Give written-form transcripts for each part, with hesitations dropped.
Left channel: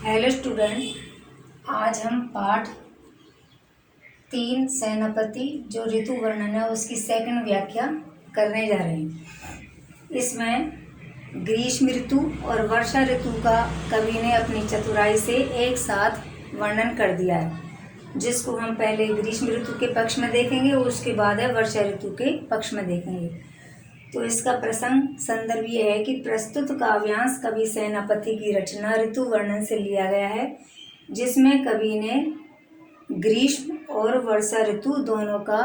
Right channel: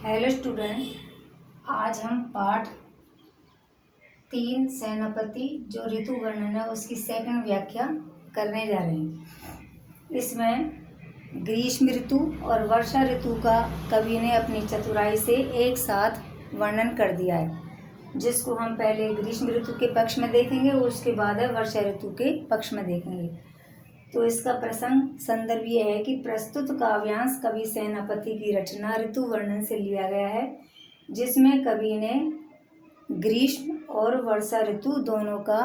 Hello student, आज हम पाठ 3 सेनापति जो ऋतु वर्णन है उसकी सेकंड व्याख्या करने जा रहे हैं। इसमें ग्रीष्म ऋतु और वर्षा ऋतु का कवि ने अपनी चतुराई से एक साथ वर्णन कर दिया है, जिसको हम पहले ग्रीष्म ऋतु के पक्ष में देखेंगे और उसके बाद है वर्षा ऋतु के पक्ष में देखेंगे। तो इसका प्रसंग संदर्भ ये है कि प्रस्तुत काव्यांश कवि सेनापति की रचना ऋतु वर्णन से लिया गया है, जिसमें कवि ने ग्रीष्म और वर्षा ऋतु दोनों का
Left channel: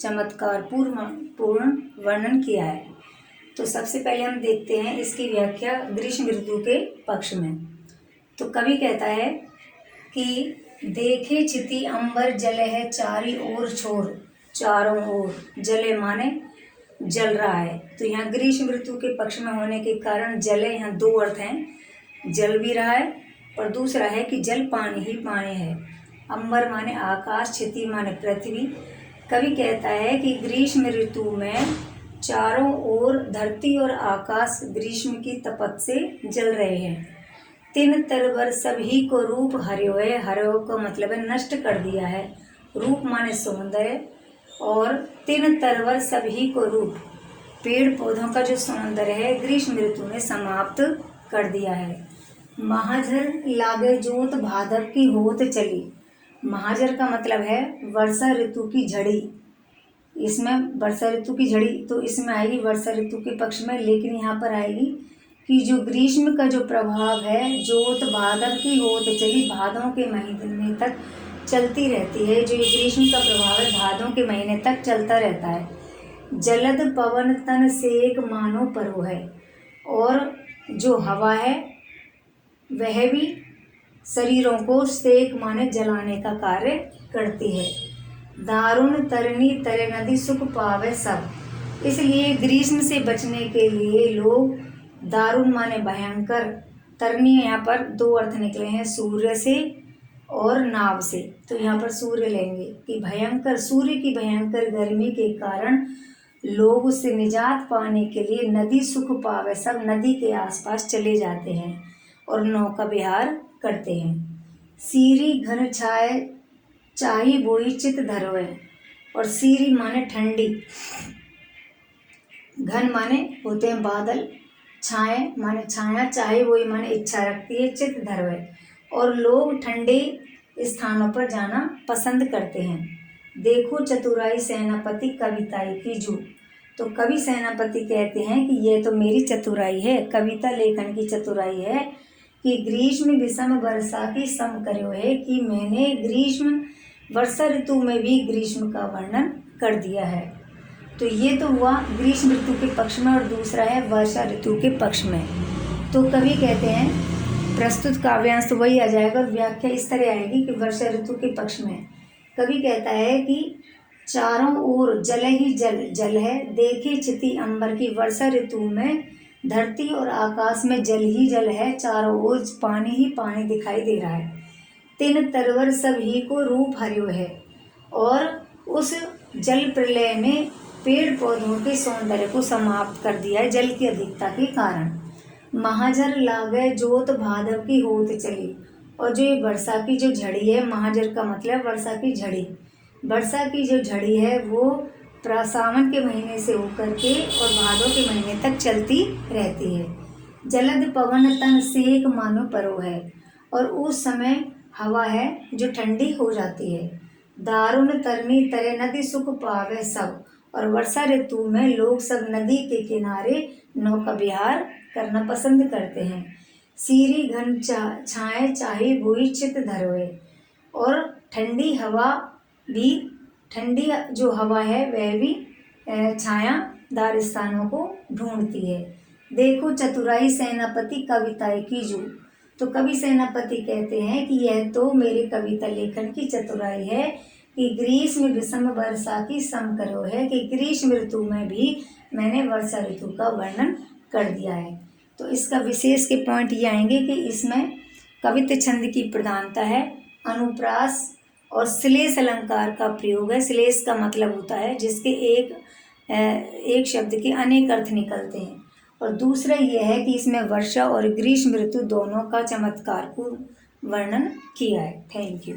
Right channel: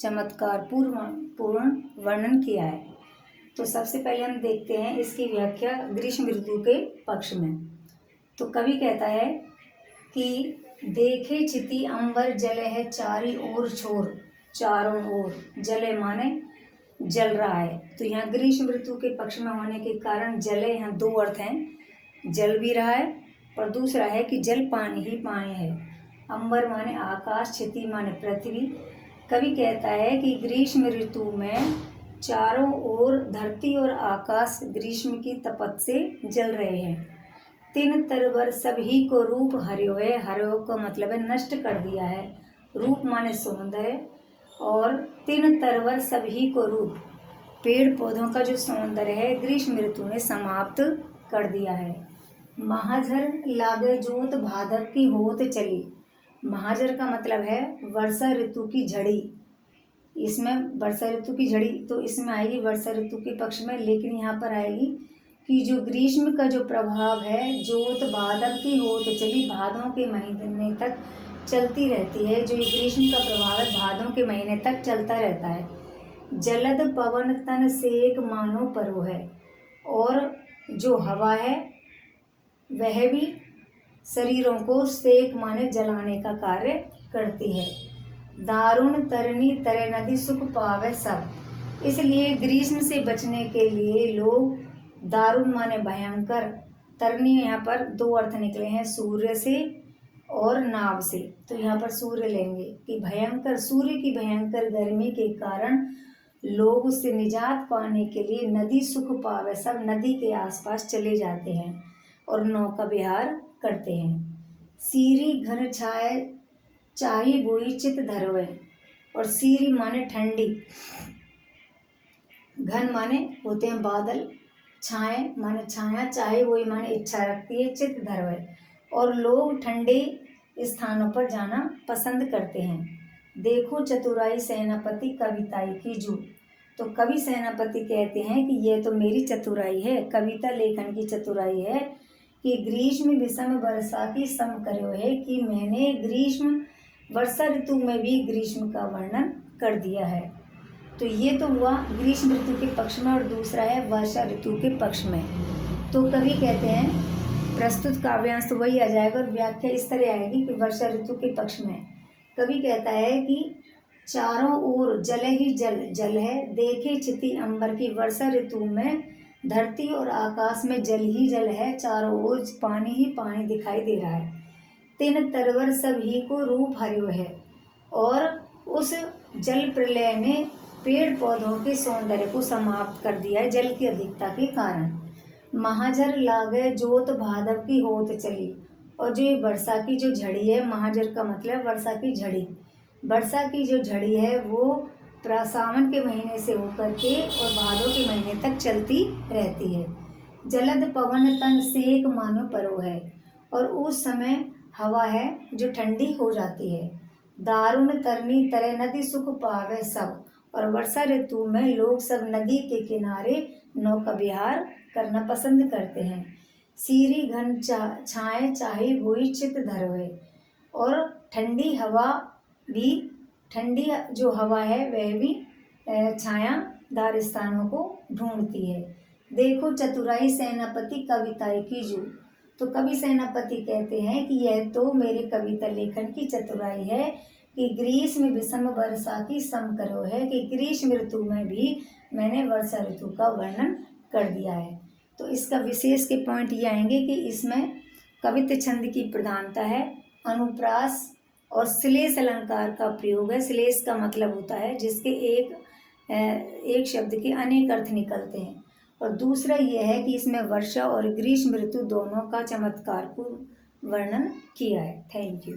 चमत्कार पूर्ण वर्णन किया है। तो सबसे पहले हम देखते हैं इसकी व्याख्या ग्रीष्म ऋतु के पक्ष में। तो कवि कहता है कि देखे छिति अंबर जल है चारी ओर छोर, चारों ओर जले माने जल रहा है। तो यहाँ ग्रीष्म ऋतु के पक्ष में होने के कारण जल, यहाँ दो अर्थ हैं, जल भी रहा है और दूसरा है कि जल पानी ही पानी है। अंबर माने आकाश, क्षिति माने पृथ्वी। कवि कहता है कि ग्रीष्म ऋतु में चारों ओर धरती और आकाश ग्रीष्म की तपत से जल रहे हैं। तीन तरवर सभी को रूप हर्यो है, हर्यो का मतलब है नष्ट कर दिया है, रूप माने सौंदर्य, और तीन तरवर सभी को रूप, पेड़ पौधों का जो सौंदर्य है ग्रीष्म ऋतु ने समाप्त कर दिया है। महाझर लागे जोत भादव की होत चली, महाझर का मतलब है वर्षा ऋतु की झड़ी। इसमें वर्षा ऋतु की झड़ी तो इसमें आएगी वर्षा ऋतु के पक्ष में, लेकिन यहाँ पर आएगी कि जो ग्रीष्म का जो प्रभाव है जोत भादव की होत चली, भादों के महीने तक चलती रहती है। जो ये ग्रीष्म का प्रभाव है भादों के महीने तक चलता रहता है। जलद पवन तन सेक मानो परो है, और जो हवा है वह भी शरीरों को सेक माने जलाने का कार्य करती है। दारुण तरनी तरे नदी सुख पावे सब, इसलिए ग्रीष्म से बचने के लिए लोग दारुण माने भयंकर, तरनी यहाँ पर दो अर्थ निकले हैं, सूर्य से और नाव से। तो यहाँ पर सूर्य लेंगे कि भयंकर, सूर्य की भयंकर गर्मी के कारण लोग उससे निजात पाने के लिए नदी सुख पावे सब नदी के आसपास चले जाते हैं और नौका विहार करते हैं। सीरी घन छाए चाही बोई चित धरोए, और सीरी माने ठंडी, घन माने होते हैं बादल, छाए माने छाया, चाहे वही माने इच्छा रखती है, चित धरोए, और लोग ठंडे स्थानों पर जाना पसंद करते हैं। देखो चतुराई सेनापति कविताई की जू, तो कवि सेनापति कहते हैं कि यह तो मेरी चतुराई है, कविता लेखन की चतुराई है कि ग्रीष्म विषम वर्षा की सम करो है, कि मैंने ग्रीष्म वर्षा ऋतु में भी ग्रीष्म का वर्णन कर दिया है। तो ये तो हुआ ग्रीष्म ऋतु के पक्ष में, और दूसरा है वर्षा ऋतु के पक्ष में। तो कवि कहते हैं प्रस्तुत काव्यांश तो वही आ जाएगा और व्याख्या इस तरह आएगी कि वर्षा ऋतु के पक्ष में कवि कहता है कि चारों ओर जल ही जल, जल है, देखे छिति अंबर की, वर्षा ऋतु में धरती और आकाश में जल ही जल है, चारों ओर पानी ही पानी दिखाई दे रहा है। तीन तरवर सभी को रूप हर्यो है, और उस जल प्रलय ने पेड़ पौधों के सौंदर्य को समाप्त कर दिया है जल की अधिकता के कारण। महाजर लागे जोत भादव की होत चली, और जो ये वर्षा की जो झड़ी है, महाजर का मतलब वर्षा की झड़ी, वर्षा की जो झड़ी है वो सावन के महीने से होकर के और भादों के महीने तक चलती रहती है। जलद पवन तन सेक मानो परो है, और उस समय हवा है जो ठंडी हो जाती है। दारुण तरनी तरे नदी सुख पावे सब, और वर्षा ऋतु में लोग सब नदी के किनारे नौका विहार करना पसंद करते हैं। सीरी घन छाए चाहे बोई चित धरोए, और ठंडी हवा भी, ठंडी जो हवा है वह भी छायादार स्थानों को ढूंढती है। देखो चतुराई सेनापति कविताई की जू, तो कवि सेनापति कहते हैं कि यह तो मेरे कविता लेखन की चतुराई है कि ग्रीष्म विषम वर्षा की सम करो है, कि ग्रीष्म ऋतु में भी मैंने वर्षा ऋतु का वर्णन कर दिया है। तो इसका विशेष के पॉइंट ये आएंगे कि इसमें कवित्व छंद की प्रधानता है, अनुप्रास और श्लेष अलंकार का प्रयोग है। श्लेष का मतलब होता है जिसके एक शब्द के अनेक अर्थ निकलते हैं, और दूसरा यह है कि इसमें वर्षा और ग्रीष्म ऋतु दोनों का चमत्कार वर्णन किया है। Thank you.